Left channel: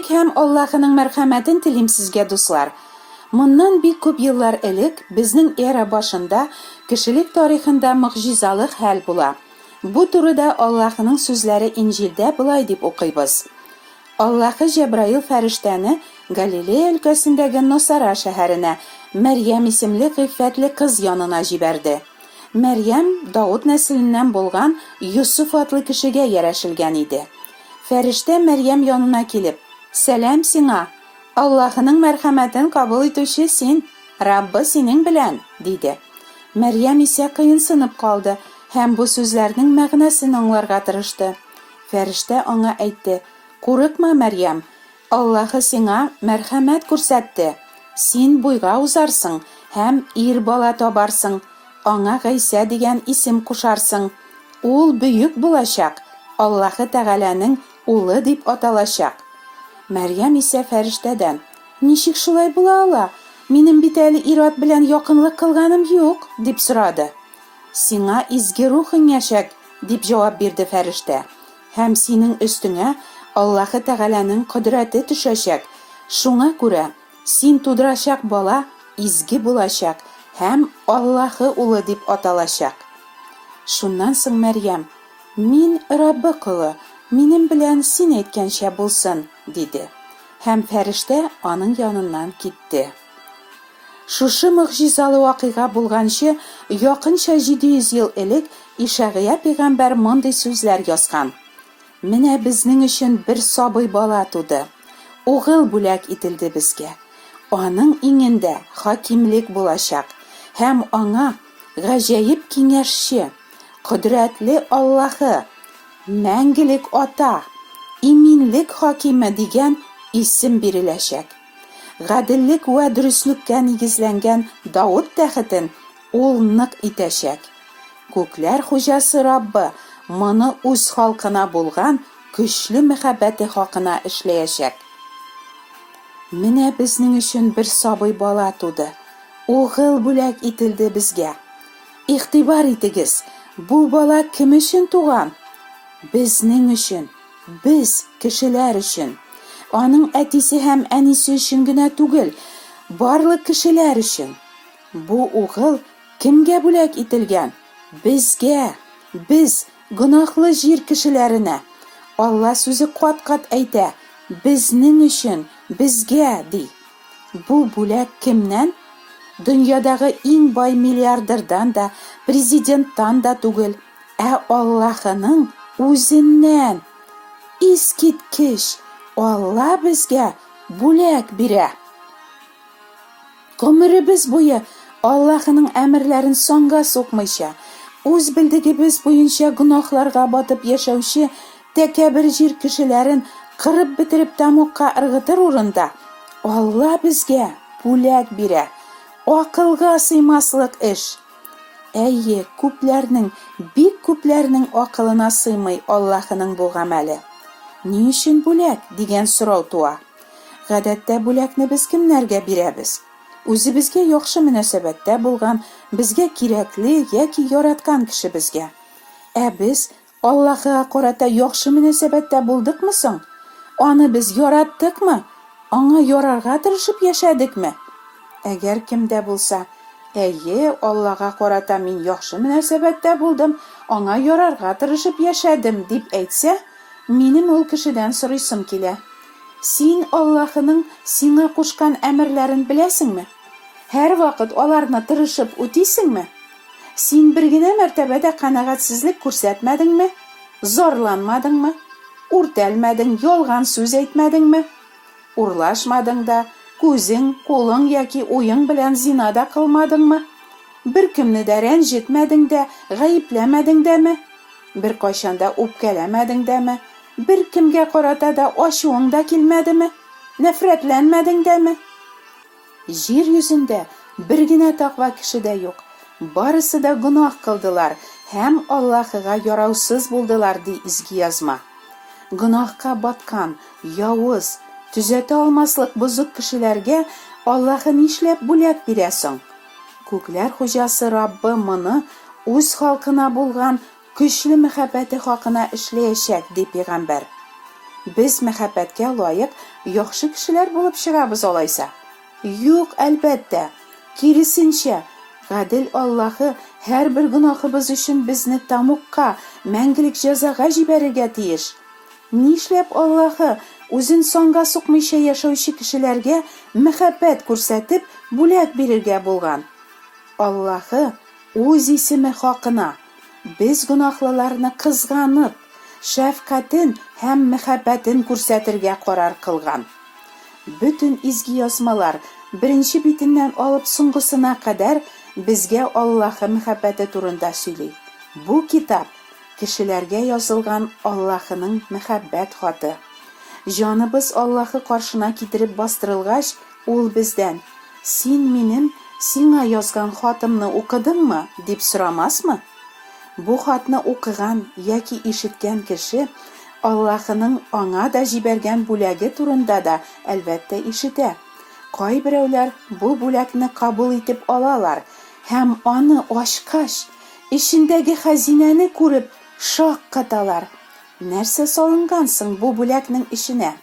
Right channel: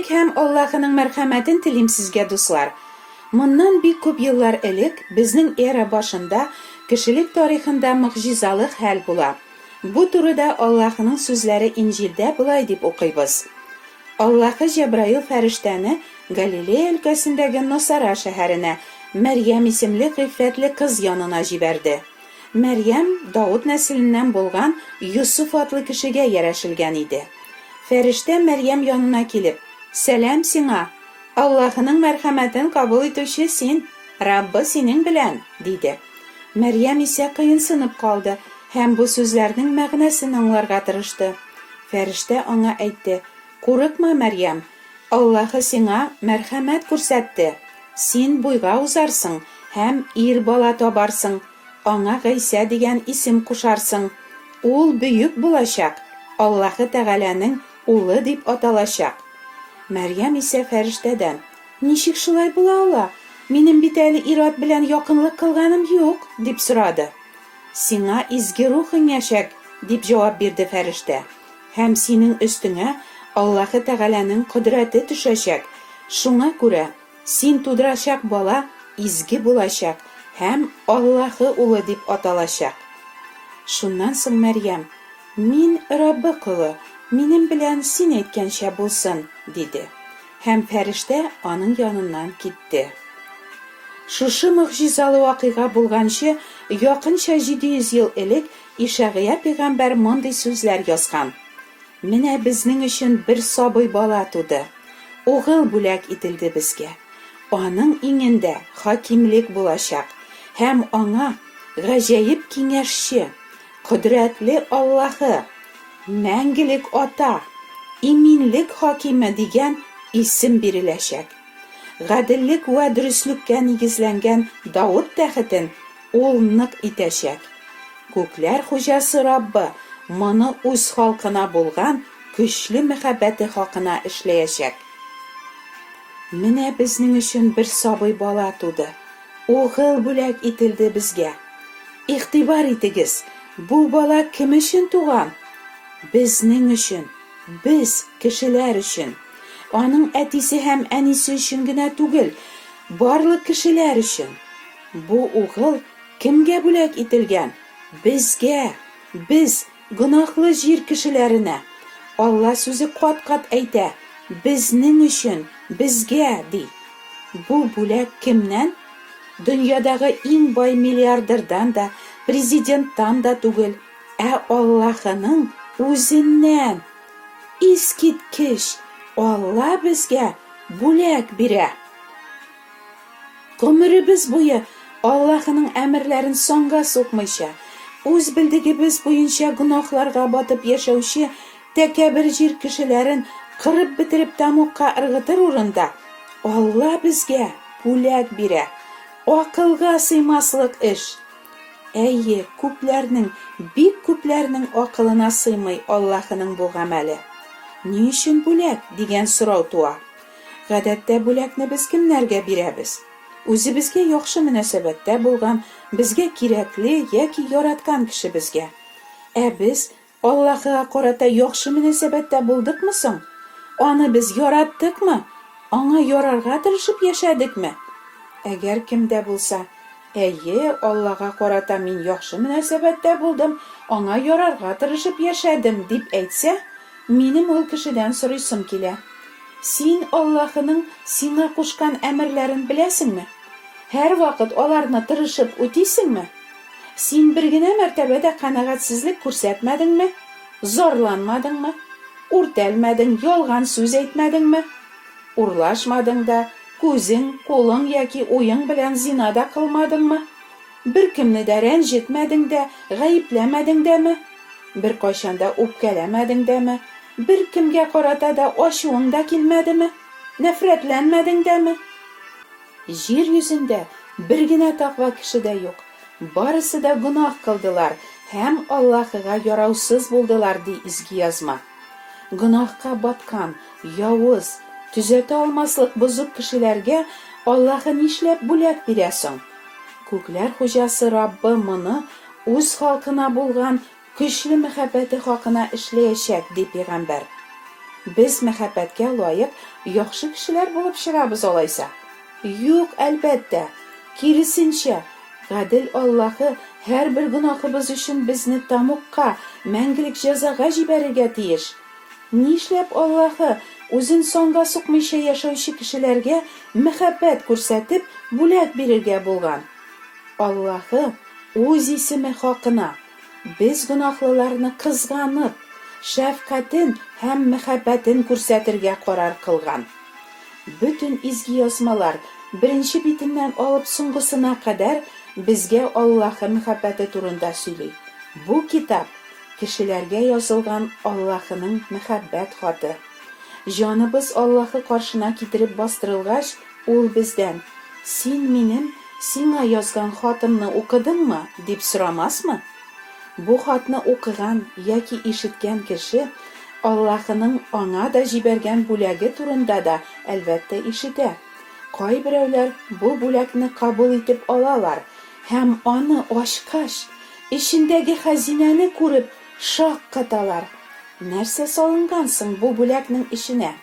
Тинчлек һәм Аллаһының мәрхәмәтен телим сезгә, дуслар. Моннан бик күп еллар элек безнең эра башында кешелек тарихында мөгъҗизалы хәл була. Бу турыда Аллаһның сүзләре Инҗилдә булай дип укыйбыз. Аллаһы Җәбраил фәрештәне Галилея өлкәсендәге Насара шәһәренә Мәрьям исемле гыйффәтле кыз янына җибәрде. Мәрьям Дауд нәселеннән булган Юсуф атлы кешегә ярәшелгән иде. Фәрештә Мәрьям янына килеп: "Сәлам сиңа, Аллаһның мәрхәмәтен кабул итүче син, Раббы синең белән", диде. Мәрьям исә кыенсынып калды һәм бу сүзләрнең мәгънәсен аңларга тырышты. Фәрештә аңа әйтте: "Курыкма, Мәрьям, Аллаһы сиңа мәрхәмәт күрсәтте. Син буйга узарсың һәм ир бала табарсың. Аңа Гыйса дигән исем кушарсың. Ул бөек булачак, Аллаһы Тәгаләнең улы дип аталачак." Мәрьям исә фәрештәдән: "Ничек шулай була ала? Минем бит әле ир-ат белән якынлык кылганым юк", дип сорады. "Сиңа изге рухың яшәк", дип җавап бирде фәрештә. "Һәм синең өстеңә Аллаһы Тәгаләнең кодрәте төшәчәк. Шуңа күрә син тудырачак бала изге булачак һәм Аллаһы улы дип аталачак." Шуннан соң Мәрьям: "Мин Раббы кулы, минем белән син әйткәнчә булсын", диде. Һәм фәрештә аның яныннан китте. Шушы мөгъҗизалы вакыйга булганчы якынча 700 ел элек Ишәгыя пәйгамбәр мондый сүзләр язган: "Менә безнең өчен бер сабый бала туды. Угыл бүләк ителде безгә. Аның иңендә хакимлек булачак һәм аңа гаҗәеп киңәшче, кодрәтле Аллаһы, мәңгелек ата, иминлек хакиме дигән исем биреләчәк. Гаделлек вә дөреслеккә нигезләнгән Дауд тәхетен ул нык итәчәк. Күкләр хуҗасы Раббы моны үз халкына булган көчле мәхәббәте хакына эшләячәк. Менә безнең өчен бер сабый бала туды. Угыл бүләк ителде безгә. Игътибар итегез, бу бала кем өчен туган? Безнең өчен, без кешеләр өчен. Аның әтисе һәм әнисе өчен генә түгел, барлык кешеләр өчен. Бу угыл кемгә бүләк ителгән? Безгә, без гөнаһлы җир кешеләренә. Алла сүзе кат-кат әйтә: безнең өчен, безгә, ди. Бу бүләк кемнән? Дөньядагы иң бай миллиардердан да, президенттан да түгел, ә Аллаһының үзеннән. Искиткеч, Алла безгә бүләк бирә. Гомеребез буе Аллаһының әмерләрен соңга сукмыйча, үз билдегебез буенча гөнаһларга батып яшәүче тәкәбер җир кешеләрен кырып бетереп тамукка ыргытыр урында Алла безгә бүләк бирә. Акылга сыймаслык эш. Әйе, күпләрнең, бик күпләрнең акылына сыймый Аллаһының бу гамәле. Ни өчен бүләк дигән сорау туа. Гадәттә бүләкне без кемнәргә бирәбез? Үзебезгә яхшы мөнәсәбәттә булган, безгә кирәкле яки яраткан кешебезгә. Ә без Аллаһыга карата яхшы мөнәсәбәттә булдыкмы соң? Аны без яраттыкмы? Аңа ярарга тырышып яшәдекме? Әгәр кемдә булса: "Әйе, Аллаһка карата мин яхшы мөнәсәбәттә булдым, аңа ярарга тырышып яшәдем", дип әйтсә, минем ул кешедән сорыйсым килә: "Син Аллаһының сиңа кушкан әмерләрен беләсеңме? Һәр вакыт аларны тырышып үтисеңме? Син бер генә мәртәбәдә канәгатьсезлек күрсәтмәдеңме? Зарланмадыңмы? Үртәлмәдең, ялган сүз әйтмәдеңме? Урлашмадың да, күзең, кулың яки уең белән зина да кылмадыңмы? Бер кемне дә рәнҗетмәдең дә, гаепләмәдең дәме? Бер кайчан да үпкәләмәдең дәме? Бер кемгә карата да ачуың да килмәдеме? Нәфрәтләнмәдең дәме?" Җир йөзендә бер генә тақва кеше дә юк. Барысы да гөнаһ кылдылар һәм Аллаһыга яраусыз булдылар, ди изге язма. Гөнаһка баткан, явыз, төзәтә алмаслык бозык кешеләргә Аллаһы нишләп бүләк бирә соң? Күкләр хуҗасы Раббы моны үз халкына булган көчле мәхәббәте хакына эшләячәк, ди пәйгамбәр. Biz мәхәббәткә лайык яхшы кешеләр булып чыгабыз алайса? Юк, әлбәттә. Киресенчә, гадел Аллаһы һәрбер гөнаһыбыз өчен безне тамукка, мәңгелек җәзага җибәрергә тиеш. Нишләп Аллаһы үзен санга сукмыйча яшәүче кешеләргә мәхәббәт күрсәтеп бүләк бирергә булган? Аллаһы үз исеме хакына без гөнаһлыларны кызганып, шәфкатен һәм мәхәббәтен күрсәтергә карар кылган. Бөтен изге язмалар беренче битеннән алып соңгысына кадәр безгә Аллаһы мәхәббәте турында сөйли. Бу китап кешеләргә язылган Аллаһының мәхәббәт хаты. Җаныбыз Аллаһы каршына китереп бастырылгач, ул бездән: "Син минем сиңа язган хатымны укыдыңмы?" дип сорамасмы? Бу хатны укыган яки ишеткән кеше Аллаһының аңа да җибәргән бүләге турында да әлбәттә ишетә. Кайберәүләр бу бүләкне кабул итеп алалар һәм аны ачкач, ичендәге хәзинәне күреп шаккаталар. Нәрсә салынган соң бу бүләкнең иченә?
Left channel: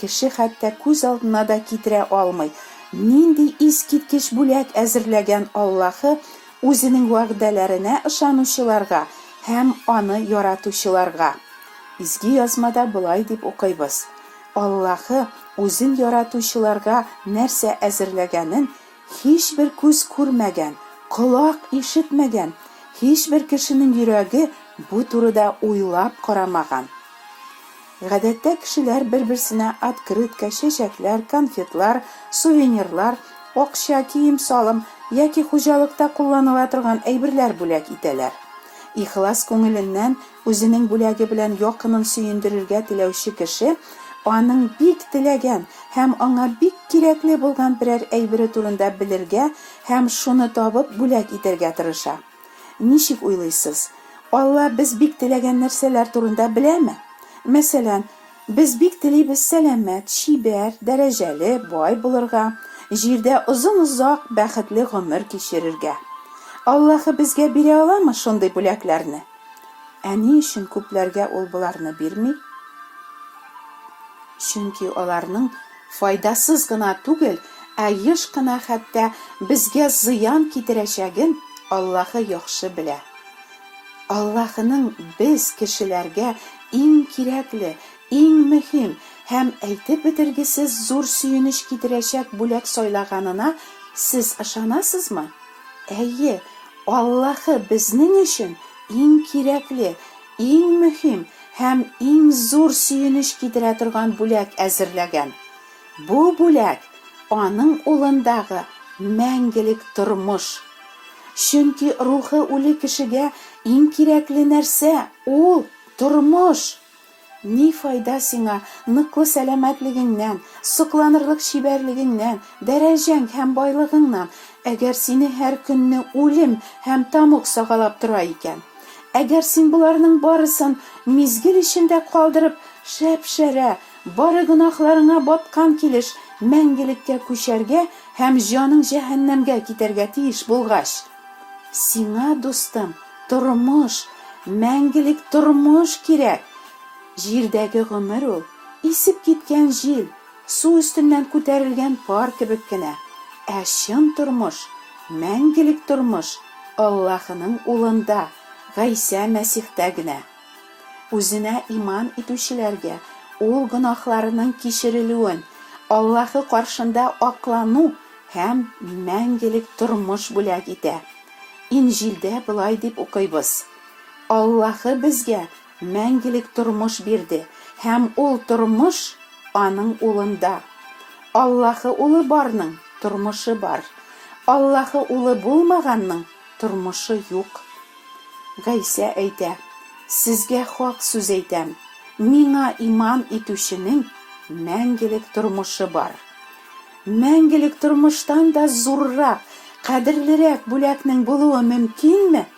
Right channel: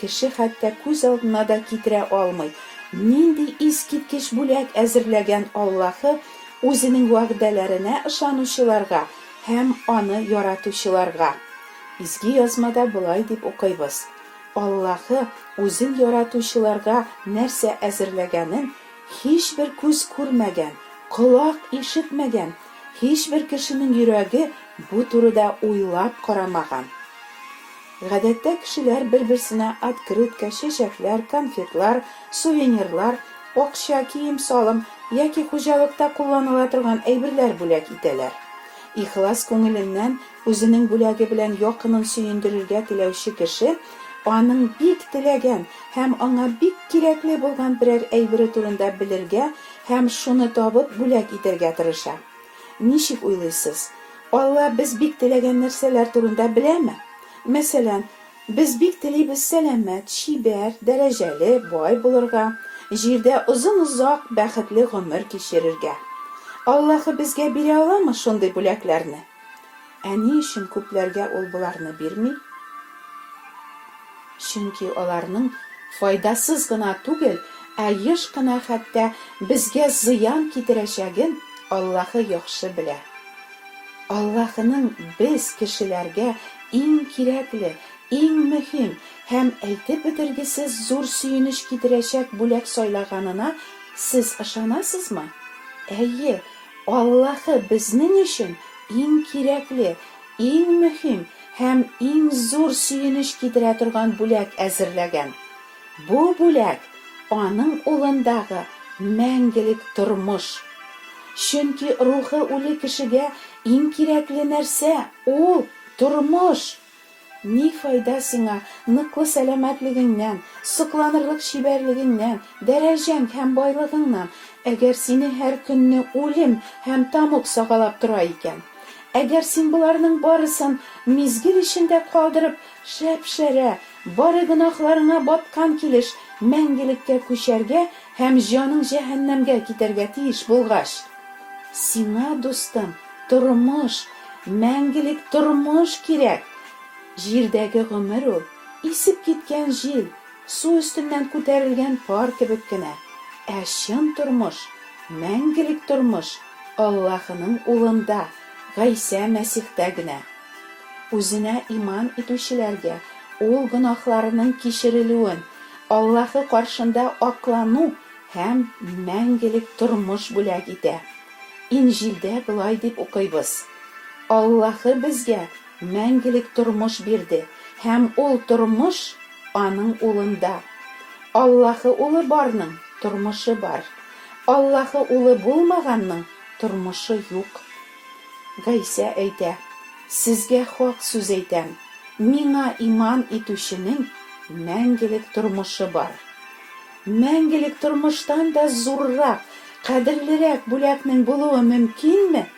Кеше хәтта күз алдына да китерә алмый, нинди искиткеч бүләк әзерләгән Аллаһы үзенең вәгъдәләренә ышанучыларга һәм аны яратучыларга. Изге язмада булай дип укыйбыз: Аллаһы үзен яратучыларга нәрсә әзерләгәнен һичбер күз күрмәгән, колак ишетмәгән, һичбер кешенең йөрәге бу турыда уйлап карамаган. Гадәттә кешеләр бер-берсенә открытка, чәчәкләр, конфетлар, сувенирлар, акча, кием-салым яки хуҗалыкта кулланыла торган әйберләр бүләк итәләр. Ихлас күңеленнән үзенең бүләге белән якынын сөендерергә теләүче кеше аның бик теләгән һәм аңа бик кирәкле булган берәр әйбере турында белергә һәм шуны табып бүләк итәргә тырыша. Ничек уйлыйсыз? Алла без бик теләгән нәрсәләр турында беләме? Мәсәлән, без бик телибез сәламәт, чибәр, дәрәҗәле, бай булырга, җирдә озын-озак бәхетле гомер кичерергә. Аллаһы безгә бирә аламы шундый бүләкләрне? Ни өчен күпләргә ул буларны бирми? Чөнки аларның файдасыз гына түгел, еш кына хәтта безгә зыян китерәчәген Аллаһы яхшы белә. Аллаһының без кешеләргә иң кирәкле, иң мөһим һәм әйтеп бетергесез зур сөенеч китерәчәк бүләк сайлаганына сез ышанасызмы? Әйе, Аллаһы безнең өчен иң кирәкле, иң мөһим һәм иң зур сөенеч китерә торган бүләк әзерләгән. Бу бүләк аның улындагы мәңгелек тормыш. Чөнки рухы үле кешегә иң кирәкле нәрсә ул тормыш. Ни файда сиңа ныклы сәламәтлегеңнән, сокланырлык чибәрлегеңнән, дәрәҗәң һәм байлыгыңнан, әгәр сине һәр көнне үлем һәм тамук сагалап тора икән? Әгәр син буларның барысын мизгел эчендә калдырып, шәп-шәрә, бары гөнаһларыңа баткан килеш мәңгелеккә күчәргә һәм җаның җәһәннәмгә китәргә тиеш булгач, сиңа, дустым, тормыш, мәңгелек тормыш кирәк. Җирдәге гомер ул исеп киткән җил, су өстеннән күтәрелгән пар кебек кенә. Чын тормыш, мәңгелек тормыш Аллаһының улында, Гайса Мәсихтә генә. Үзенә иман итүчеләргә ул гөнаһларының кичерелүен, Аллаһы каршында аклану һәм мәңгелек тормыш бүләк итә. Инҗилдә булай дип укыйбыз: Аллаһы безгә мәңгелек тормыш бирде һәм ул тормыш аның улында. Аллаһы улы барның тормышы бар. Аллаһы улы булмаганның тормышы юк. Гайса әйтә: Сезгә хак сүз әйтәм, миңа иман итүченең мәңгелек тормышы бар. Мәңгелек тормыштан да зуррак, кадерлерәк бүләкнең булуы мөмкинме?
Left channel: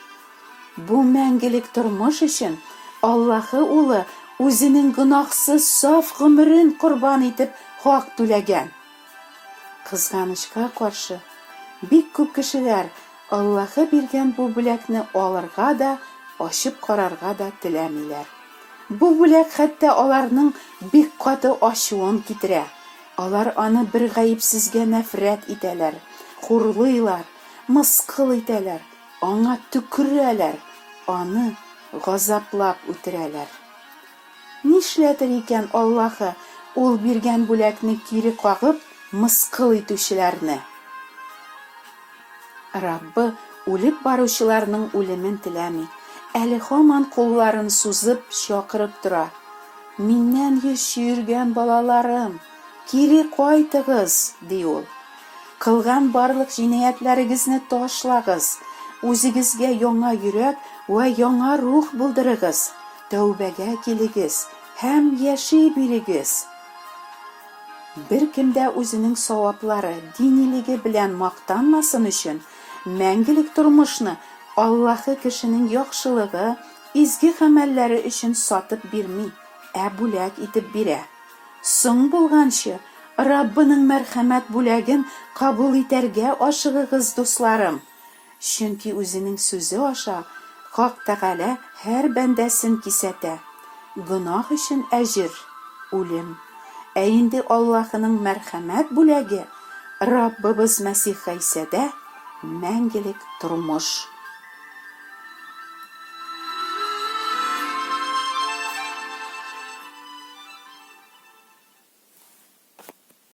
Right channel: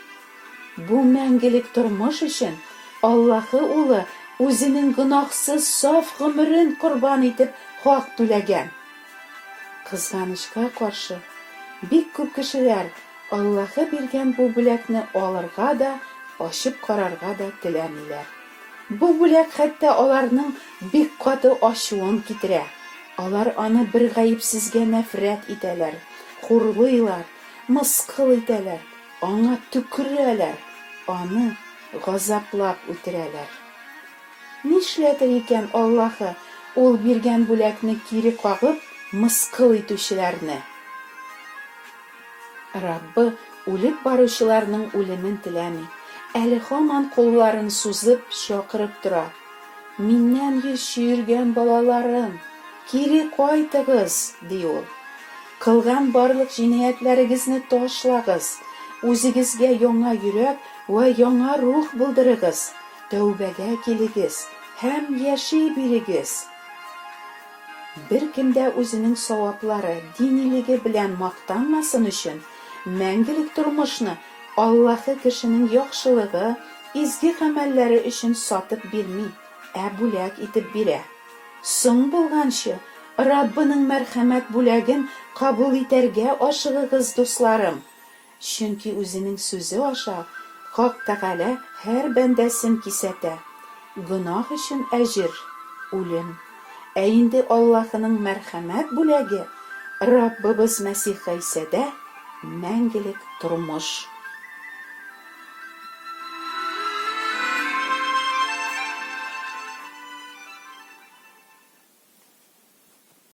Бу мәңгелек тормыш өчен Аллаһы улы үзенең гөнаһсыз саф гомерен корбан итеп хак түләгән. Кызганычка каршы, бик күп кешеләр Аллаһы биргән бу бүләкне алырга да, ачып карарга да теләмиләр. Бу бүләк хәтта аларның бик каты ачуын китерә. Алар аны бер гаепсезгә нәфрәт итәләр, хурлыйлар, мыскыл итәләр, аңа төкерәләр, аны газаплап үтерәләр. Нишләтер икән Аллаһы ул биргән бүләкне кире кагып, мыскыл итүчеләрне? Раббы үлеп баручыларның үлемен теләми, әле һаман кулларын сузып чакырып тора. Миннән яшергән балаларым, кире кайтыгыз, ди ул. Кылган барлык җинаятләрегезне ташлагыз, үзегезгә яңа йөрәк ва яңа рух булдырыгыз, тәүбәгә килегез һәм яши бирегез. Беркем дә үзенең саваплары, динилеге белән мактанмасын өчен, мәңгелек тормышны Аллаһы кешенең яхшылыгы, изге гамәлләре өчен сатып бирми, бүләк итеп бирә. Соң булганчы, Раббының мәрхәмәт бүләген кабул итәргә ашыгыгыз, дусларым. Чөнки үзенең сүзе аша Хак Тәгалә һәр бәндәсен кисәтә. Гөнаһ өчен әҗер үлем. Инде Аллаһының мәрхәмәт бүләге Раббыбыз Мәсих Гыйсада мәңгелек тормыш.